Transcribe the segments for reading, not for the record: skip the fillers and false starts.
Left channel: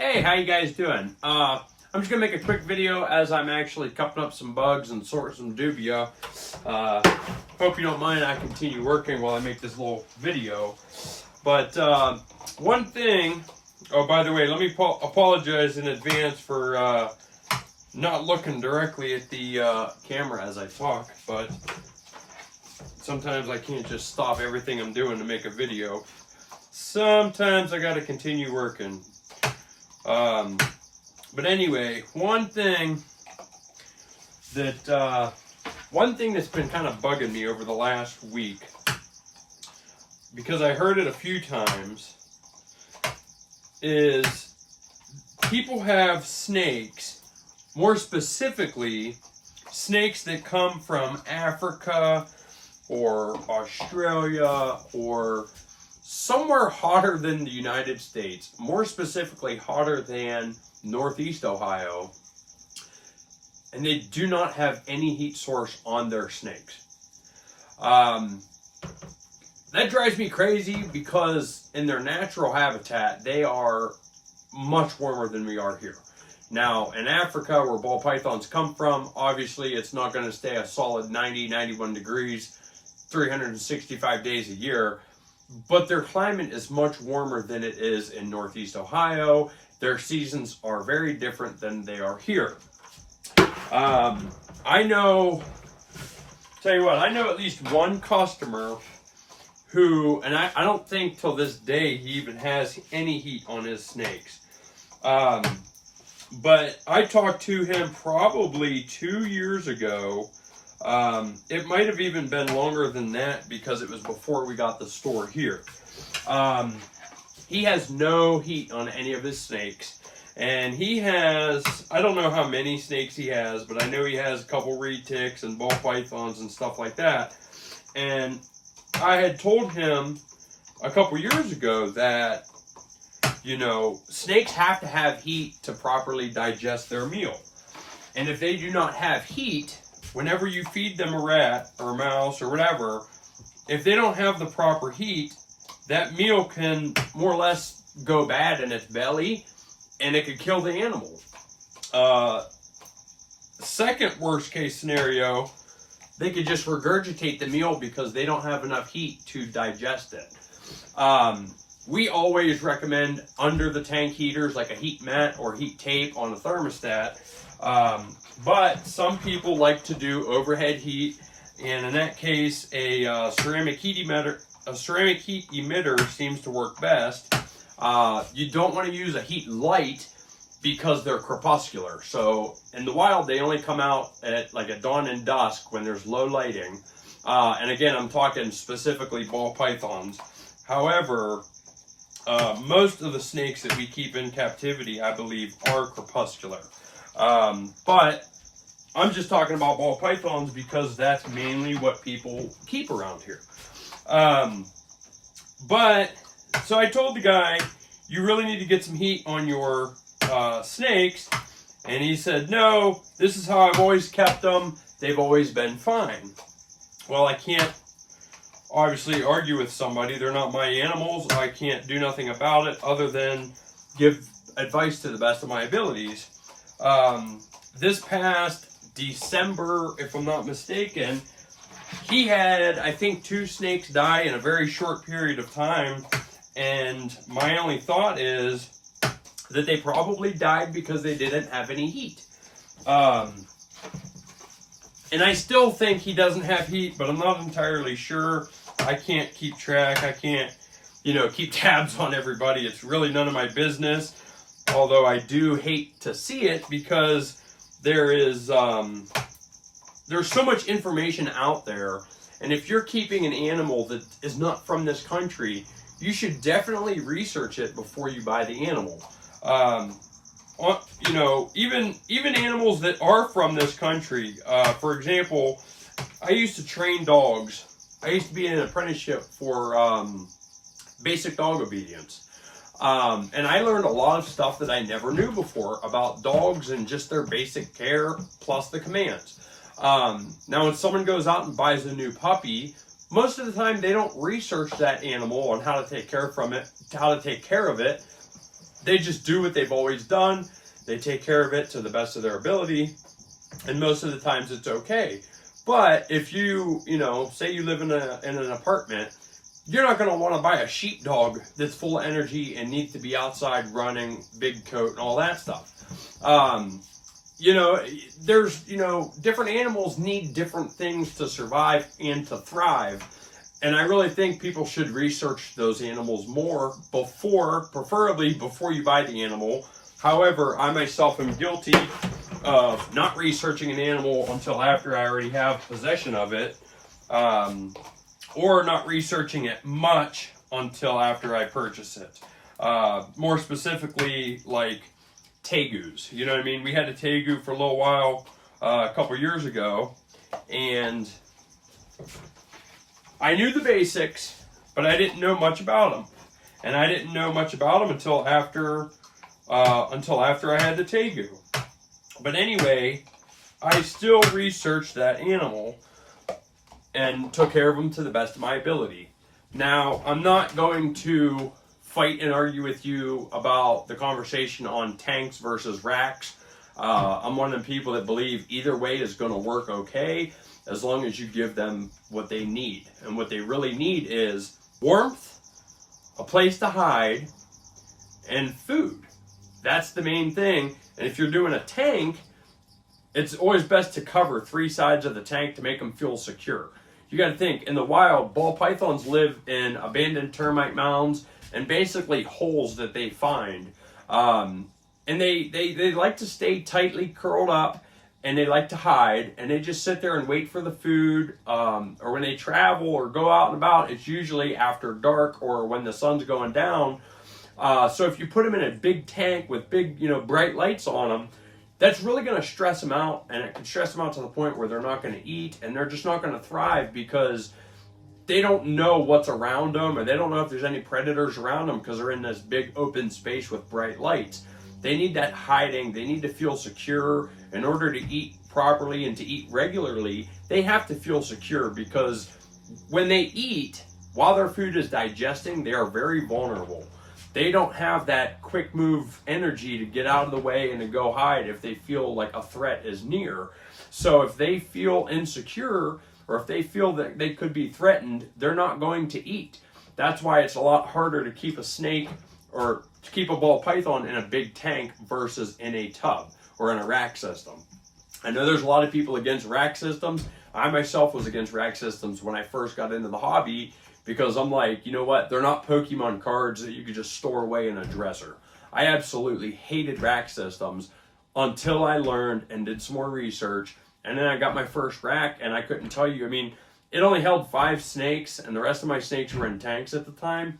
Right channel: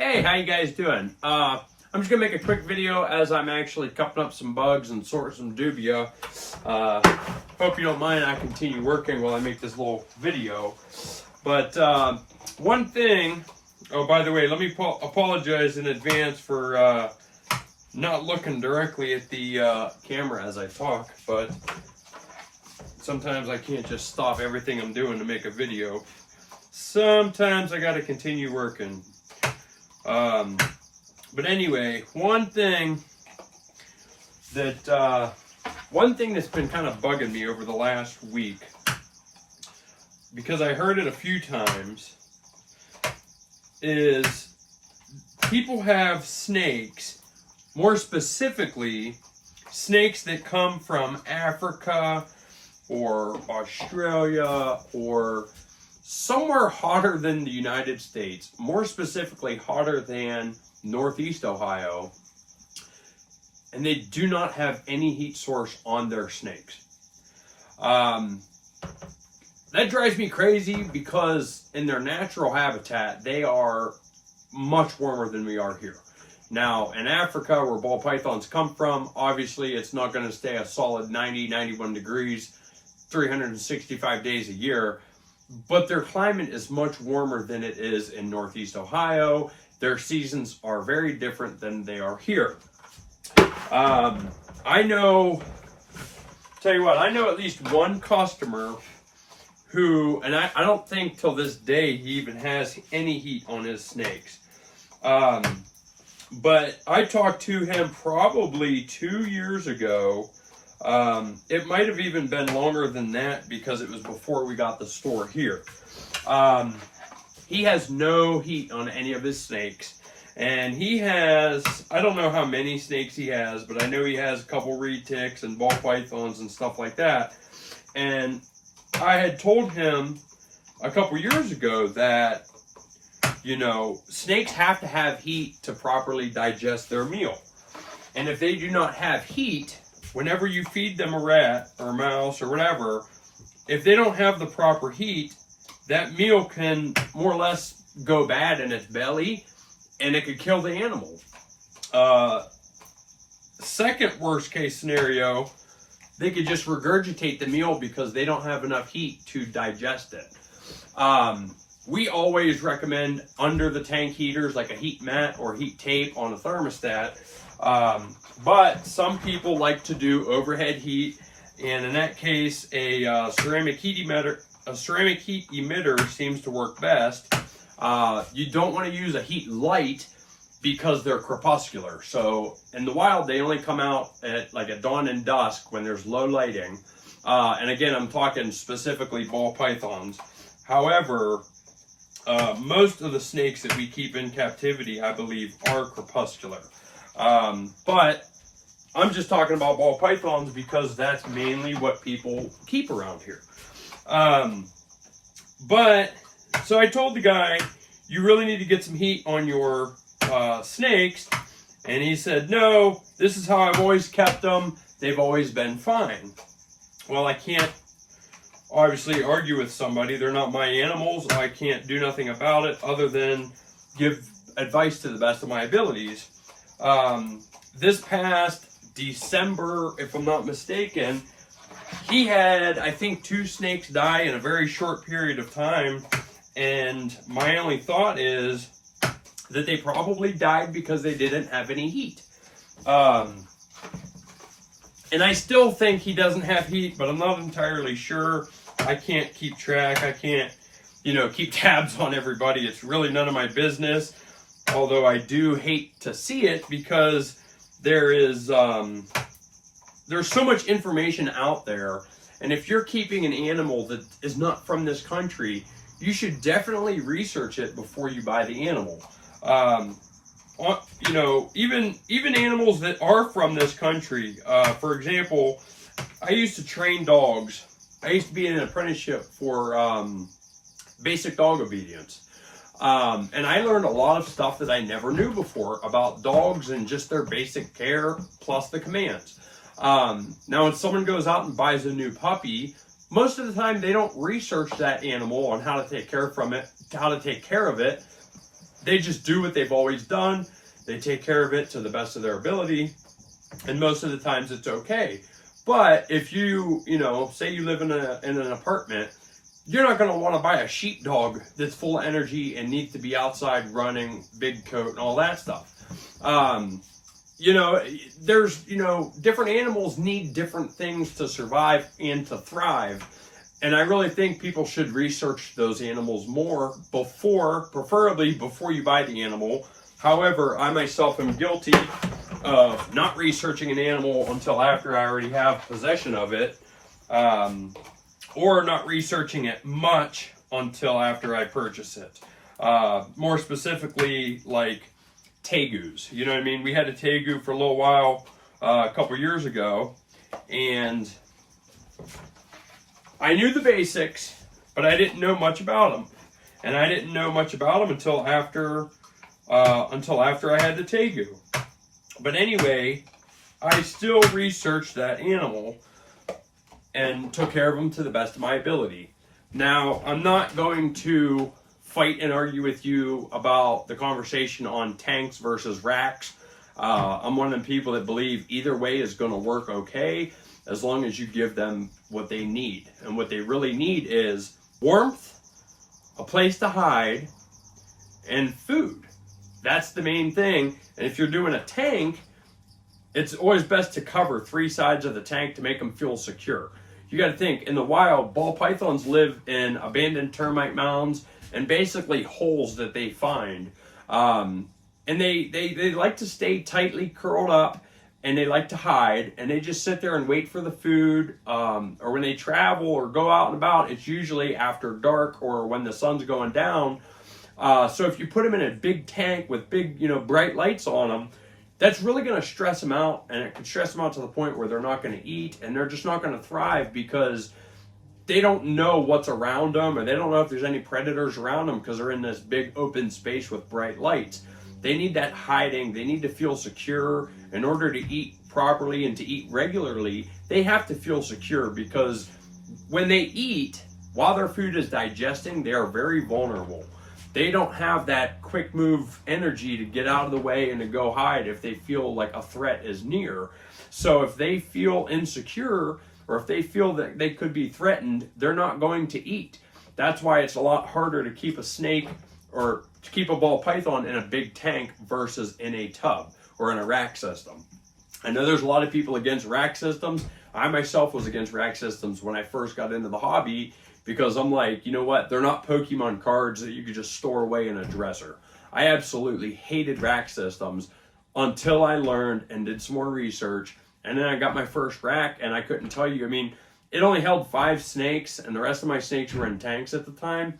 Hey, how you guys doing? I'm just gonna make a quick video as I'm actually cupping up some bugs and sorting some dubia. Hope you don't mind I continue working while I make this little video. But one thing, oh, by the way, let me apologize in advance for not looking directly at the camera as I talk, but sometimes I can't just stop everything I'm doing to make a video. Sometimes I gotta continue working. But anyway, one thing that's been kind of bugging me over the last week, because I heard it a few times, is people have snakes, more specifically snakes that come from Africa or Australia or somewhere hotter than the United States, more specifically hotter than Northeast Ohio, and they do not have any heat source on their snakes. That drives me crazy because in their natural habitat, they are much warmer than we are here. Now, in Africa, where ball pythons come from, obviously it's not going to stay a solid 90, 91 degrees, 365 days a year. But their climate is much warmer than it is in Northeast Ohio. Their seasons are very different than they are here. I know at least one customer who, and I don't think till this day he even has any heat on his snakes. But I talked to him probably 2 years ago. It might have even been longer than that because it was before we got the store here. He has no heat on any of his snakes, and he has, I don't know how many snakes he has, but I know he has a couple retics and ball pythons and stuff like that. And I had told him a couple years ago that, you know, snakes have to have heat to properly digest their meal. And if they do not have heat, whenever you feed them a rat or a mouse or whatever, if they don't have the proper heat, that meal can more or less go bad in its belly and it could kill the animal. Second worst case scenario, they could just regurgitate the meal because they don't have enough heat to digest it. We always recommend under the tank heaters like a heat mat or heat tape on a thermostat. But some people like to do overhead heat, and in that case, a ceramic heat emitter seems to work best. You don't want to use a heat light because they're crepuscular. So in the wild, they only come out at like at dawn and dusk when there's low lighting. And again, I'm talking specifically ball pythons. However, most of the snakes that we keep in captivity, I believe, are crepuscular. But I'm just talking about ball pythons because that's mainly what people keep around here. But so I told the guy, you really need to get some heat on your snakes. And he said, no, this is how I've always kept them. They've always been fine. Well, I can't obviously argue with somebody. They're not my animals. I can't do nothing about it other than give advice to the best of my abilities. This past December, if I'm not mistaken, he had, I think, 2 snakes die in a very short period of time. And my only thought is that they probably died because they didn't have any heat. And I still think he doesn't have heat, but I'm not entirely sure. I can't keep track. I can't, keep tabs on everybody. It's really none of my business. Although I do hate to see it because there's so much information out there. And if you're keeping an animal that is not from this country, you should definitely research it before you buy the animal. Even animals that are from this country. For example, I used to train dogs. I used to be in an apprenticeship for basic dog obedience. And I learned a lot of stuff that I never knew before about dogs and just their basic care plus the commands. Now, when someone goes out and buys a new puppy, most of the time they don't research that animal on how to take care of it They just do what they've always done. They take care of it to the best of their ability, and most of the times it's okay. But if you, say you live in an apartment, you're not going to want to buy a sheepdog that's full of energy and needs to be outside running, big coat, and all that stuff. There's, different animals need different things to survive and to thrive. And I really think people should research those animals more preferably before you buy the animal. However, I myself am guilty of not researching an animal until after I already have possession of it, or not researching it much until after I purchase it. More specifically, like tegus. You know what I mean? We had a tegu for a little while a couple years ago, and I knew the basics, but I didn't know much about them. And I didn't know much about them until after I had the tegu. But anyway, I still researched that animal and took care of them to the best of my ability. Now, I'm not going to fight and argue with you about the conversation on tanks versus racks. I'm one of them people that believe either way is going to work okay, as long as you give them what they need. And what they really need is warmth, a place to hide, and food. That's the main thing. And if you're doing a tank, it's always best to cover 3 sides of the tank to make them feel secure. You got to think, in the wild, ball pythons live in abandoned termite mounds and basically holes that they find. And they like to stay tightly curled up, and they like to hide, and they just sit there and wait for the food. Or when they travel or go out and about, it's usually after dark or when the sun's going down. So if you put them in a big tank with big, bright lights on them, that's really going to stress them out, and it can stress them out to the point where they're not going to eat, and they're just not going to thrive because they don't know what's around them, or they don't know if there's any predators around them because they're in this big open space with bright lights. They need that hiding. They need to feel secure. In order to eat properly and to eat regularly, they have to feel secure, because when they eat, while their food is digesting, they are very vulnerable. They don't have that quick move energy to get out of the way and to go hide if they feel like a threat is near. So if they feel insecure, or if they feel that they could be threatened, they're not going to eat. That's why it's a lot harder to keep a snake or to keep a ball python in a big tank versus in a tub or in a rack system. I know there's a lot of people against rack systems. I myself was against rack systems when I first got into the hobby, because I'm like, you know what? They're not Pokemon cards that you could just store away in a dresser. I absolutely hated rack systems until I learned and did some more research. And then I got my first rack, and I couldn't tell you. I mean, it only held 5 snakes, and the rest of my snakes were in tanks at the time.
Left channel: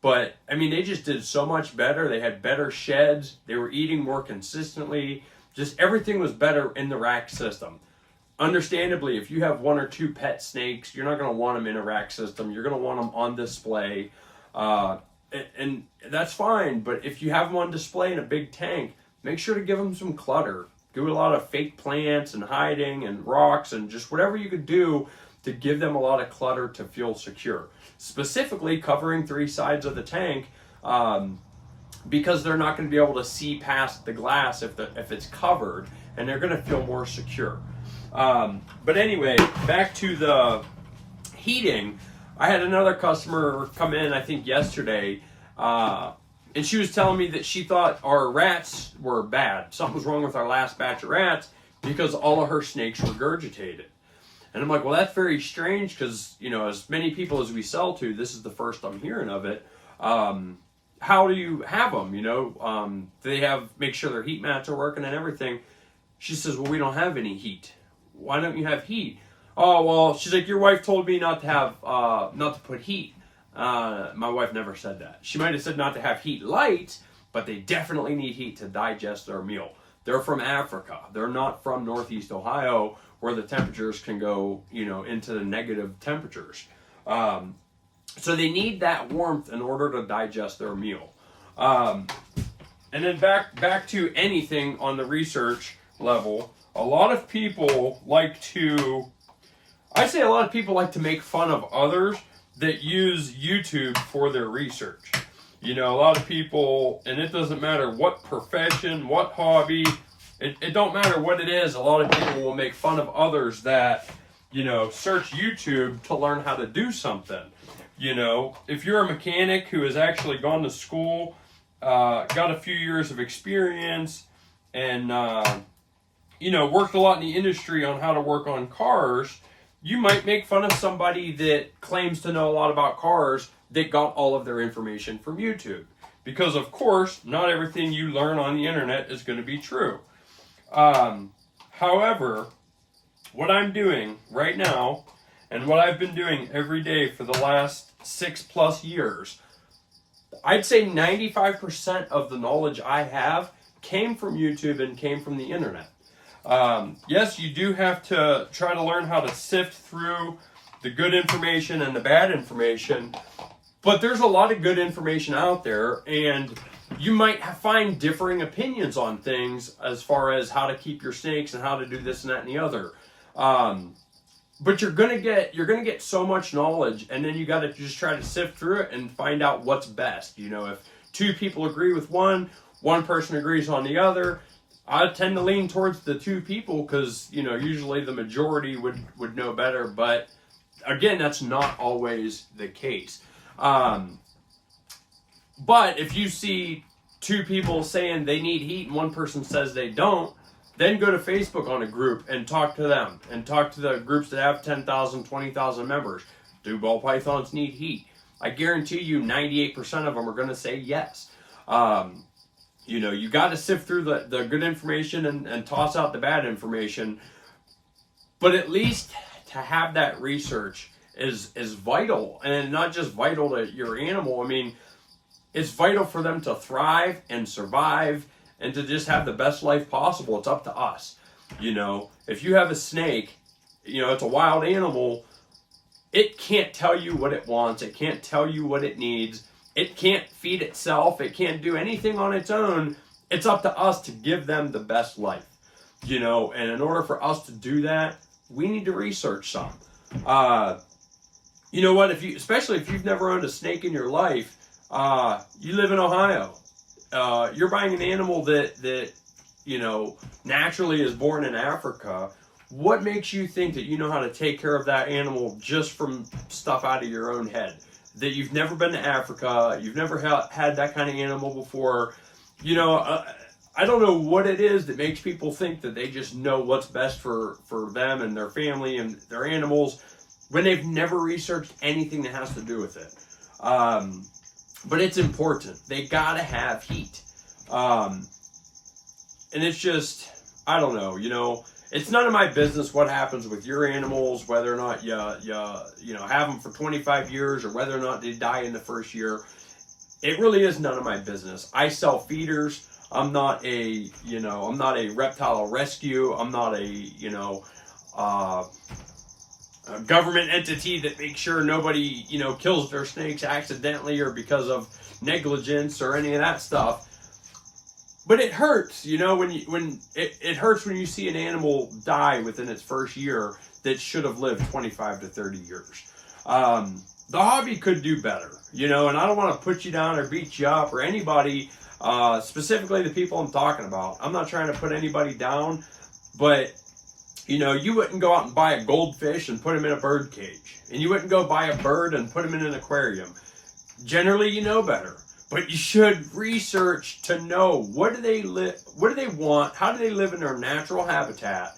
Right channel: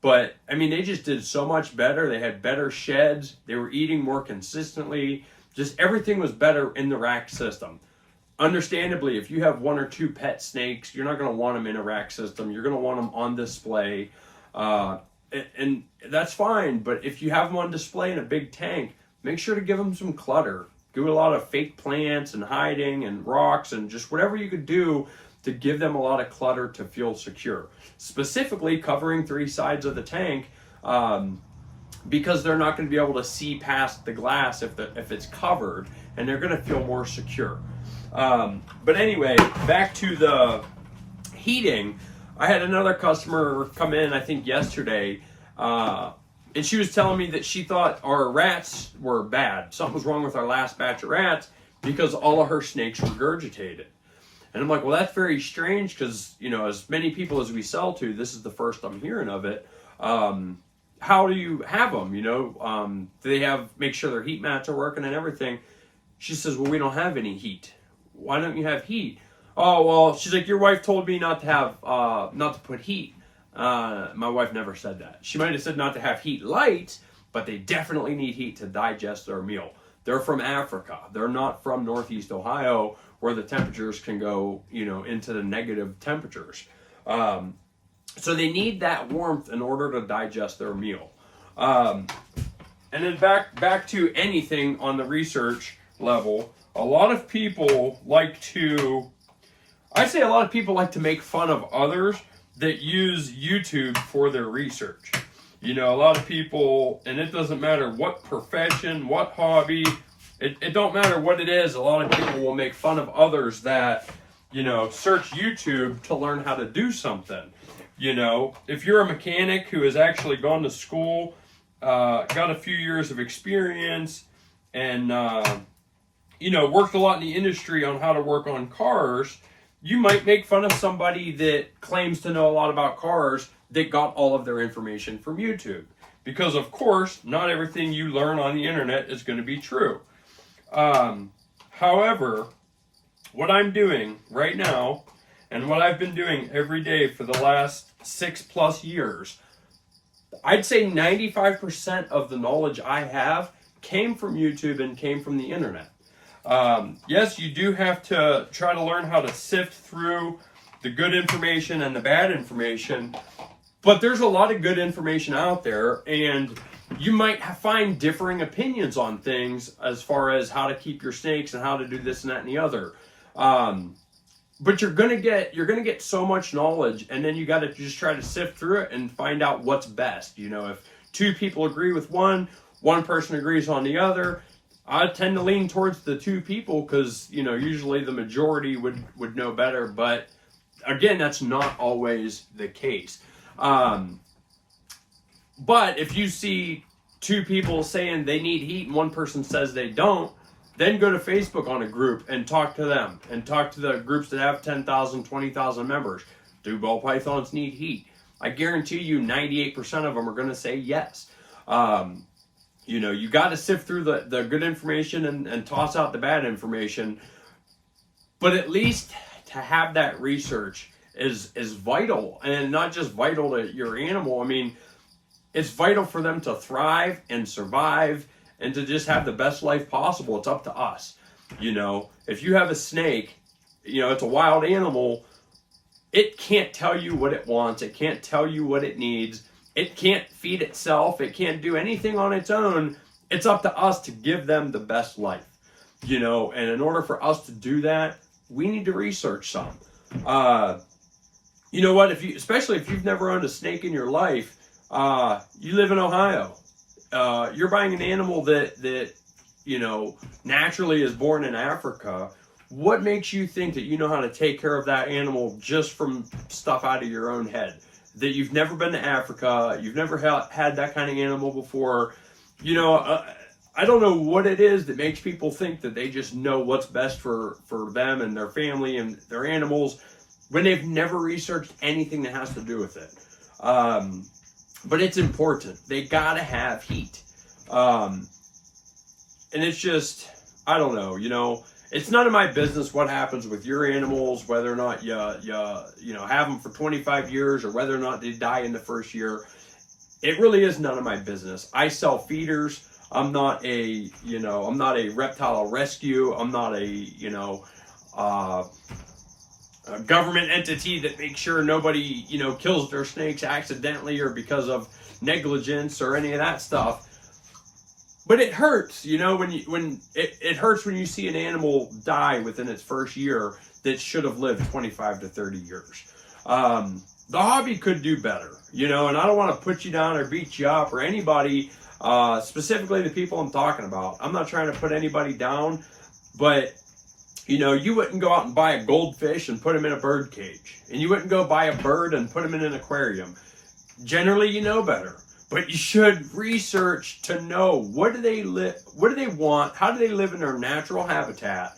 But, I mean, they just did so much better. They had better sheds. They were eating more consistently. Just everything was better in the rack system. Understandably, if you have 1 or 2 pet snakes, you're not going to want them in a rack system. You're going to want them on display. And that's fine. But if you have them on display in a big tank, make sure to give them some clutter. Do a lot of fake plants and hiding and rocks and just whatever you could do to give them a lot of clutter to feel secure. Specifically covering 3 sides of the tank, because they're not going to be able to see past the glass if it's covered, and they're going to feel more secure. But anyway, back to the heating. I had another customer come in, I think yesterday, and she was telling me that she thought our rats were bad. Something was wrong with our last batch of rats because all of her snakes regurgitated. And I'm like, well, that's very strange, because, as many people as we sell to, this is the first I'm hearing of it. How do you have them? Do they make sure their heat mats are working and everything? She says, well, we don't have any heat. Why don't you have heat? Oh, well, she's like, your wife told me not to put heat. My wife never said that. She might have said not to have heat lights, but they definitely need heat to digest their meal. They're from Africa. They're not from Northeast Ohio, where the temperatures can go, into the negative temperatures. So they need that warmth in order to digest their meal. And then back to anything on the research level, a lot of people like to make fun of others that use YouTube for their research. You know, a lot of people, and it doesn't matter what profession, what hobby, it don't matter what it is, a lot of people will make fun of others that, you know, search YouTube to learn how to do something. You know, if you're a mechanic who has actually gone to school, got a few years of experience, and, you know, worked a lot in the industry on how to work on cars, you might make fun of somebody that claims to know a lot about cars that got all of their information from YouTube. Because, of course, not everything you learn on the internet is going to be true. However, what I'm doing right now, and what I've been doing every day for the last 6+ years, I'd say 95% of the knowledge I have came from YouTube and came from the internet. Yes, you do have to try to learn how to sift through the good information and the bad information, but there's a lot of good information out there, and you might find differing opinions on things as far as how to keep your snakes and how to do this and that and the other. But you're gonna get so much knowledge, and then you got to just try to sift through it and find out what's best. You know, if two people agree with one person agrees on the other, I tend to lean towards the two people because, you know, usually the majority would know better. But again, that's not always the case. But if you see two people saying they need heat and one person says they don't, then go to Facebook on a group and talk to them, and talk to the groups that have 10,000, 20,000 members. Do ball pythons need heat? I guarantee you 98% of them are going to say yes. You know, you got to sift through the good information and toss out the bad information. But at least to have that research is vital, and not just vital to your animal. I mean, it's vital for them to thrive and survive and to just have the best life possible. It's up to us. You know, if you have a snake, you know, it's a wild animal. It can't tell you what it wants. It can't tell you what it needs. It can't feed itself. It can't do anything on its own. It's up to us to give them the best life, you know, and in order for us to do that, we need to research some. You know what, especially if you've never owned a snake in your life, you live in Ohio, you're buying an animal that, you know, naturally is born in Africa. What makes you think that you know how to take care of that animal just from stuff out of your own head? That you've never been to Africa, you've never had that kind of animal before. You know, I don't know what it is that makes people think that they just know what's best for them and their family and their animals when they've never researched anything that has to do with it. But it's important. They gotta have heat. And it's just, I don't know, you know, it's none of my business what happens with your animals, whether or not you know, have them for 25 years or whether or not they die in the first year. It really is none of my business. I sell feeders. I'm not a reptile rescue. I'm not a government entity that makes sure nobody, you know, kills their snakes accidentally or because of negligence or any of that stuff. But it hurts, you know, it hurts when you see an animal die within its first year that should have lived 25 to 30 years. The hobby could do better, you know, and I don't want to put you down or beat you up or anybody, specifically the people I'm talking about. I'm not trying to put anybody down, but, you know, you wouldn't go out and buy a goldfish and put him in a bird cage, and you wouldn't go buy a bird and put him in an aquarium. Generally, you know better. But you should research to know what do they want, how do they live in their natural habitat,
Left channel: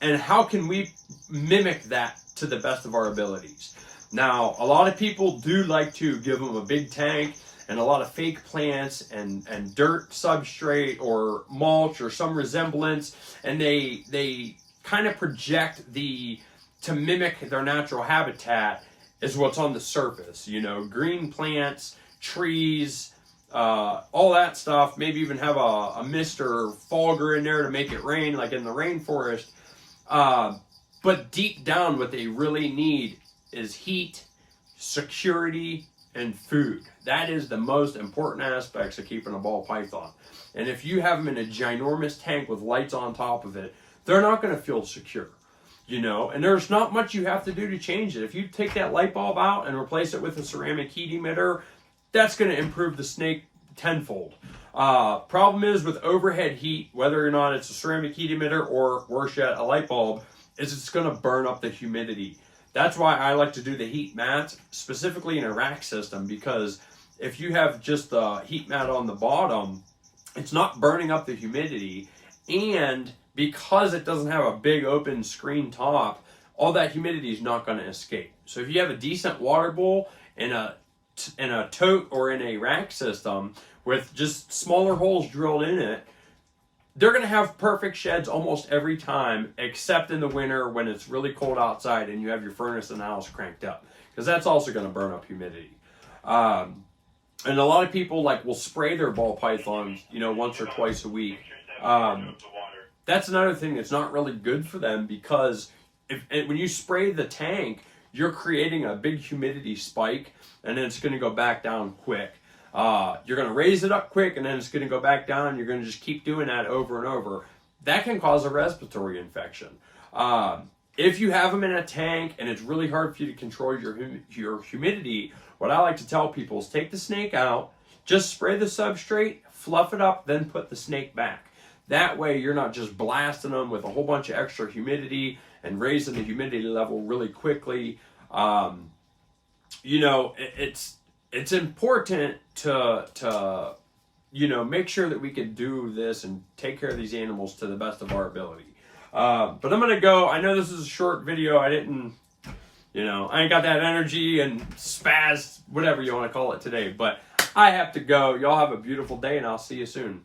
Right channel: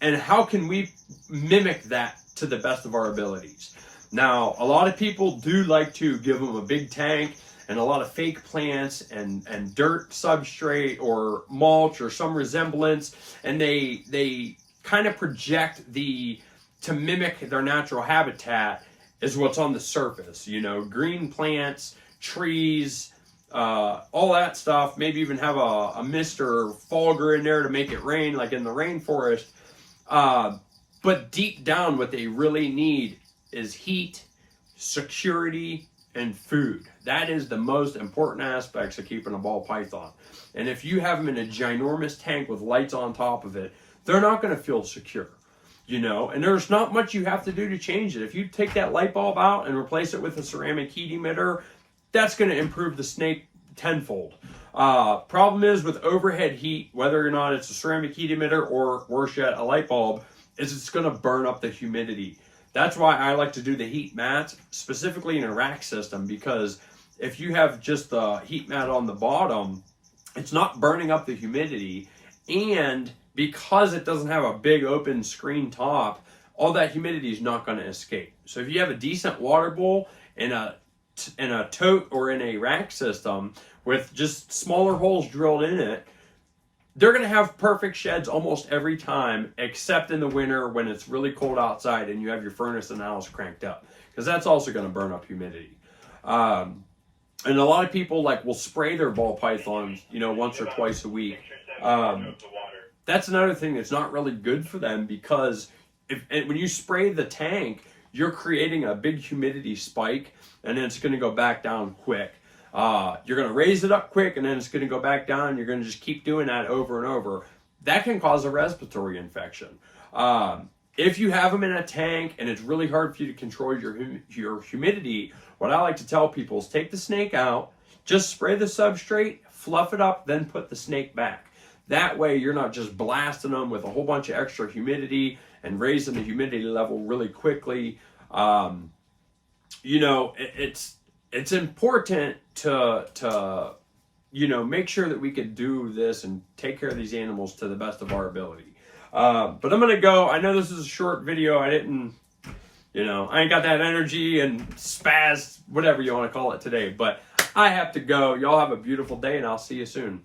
and how can we mimic that to the best of our abilities. Now, a lot of people do like to give them a big tank and a lot of fake plants and dirt substrate or mulch or some resemblance, and they kind of project to mimic their natural habitat is what's on the surface, you know, green plants, trees, all that stuff. Maybe even have a mist or fogger in there to make it rain, like in the rainforest. But deep down, what they really need is heat, security, and food. That is the most important aspects of keeping a ball python. And if you have them in a ginormous tank with lights on top of it, they're not going to feel secure. You know, and there's not much you have to do to change it. If you take that light bulb out and replace it with a ceramic heat emitter, that's going to improve the snake tenfold. Problem is with overhead heat, whether or not it's a ceramic heat emitter or worse yet, a light bulb, is it's going to burn up the humidity. That's why I like to do the heat mats, specifically in a rack system, because if you have just the heat mat on the bottom, it's not burning up the humidity, and because it doesn't have a big open screen top, all that humidity is not going to escape. So if you have a decent water bowl in a tote or in a rack system with just smaller holes drilled in it, they're going to have perfect sheds almost every time, except in the winter when it's really cold outside and you have your furnace in the house cranked up, because that's also going to burn up humidity. And a lot of people will spray their ball pythons, once or twice a week. That's another thing that's not really good for them, because when you spray the tank, you're creating a big humidity spike, and then it's going to go back down quick. You're going to raise it up quick, and then it's going to go back down. You're going to just keep doing that over and over. That can cause a respiratory infection. If you have them in a tank and it's really hard for you to control your humidity, what I like to tell people is take the snake out, just spray the substrate, fluff it up, then put the snake back. That way you're not just blasting them with a whole bunch of extra humidity and raising the humidity level really quickly. It's important to make sure that we can do this and take care of these animals to the best of our ability. But I'm going to go. I know this is a short video. I ain't got that energy and spaz, whatever you want to call it today. But I have to go. Y'all have a beautiful day, and I'll see you soon.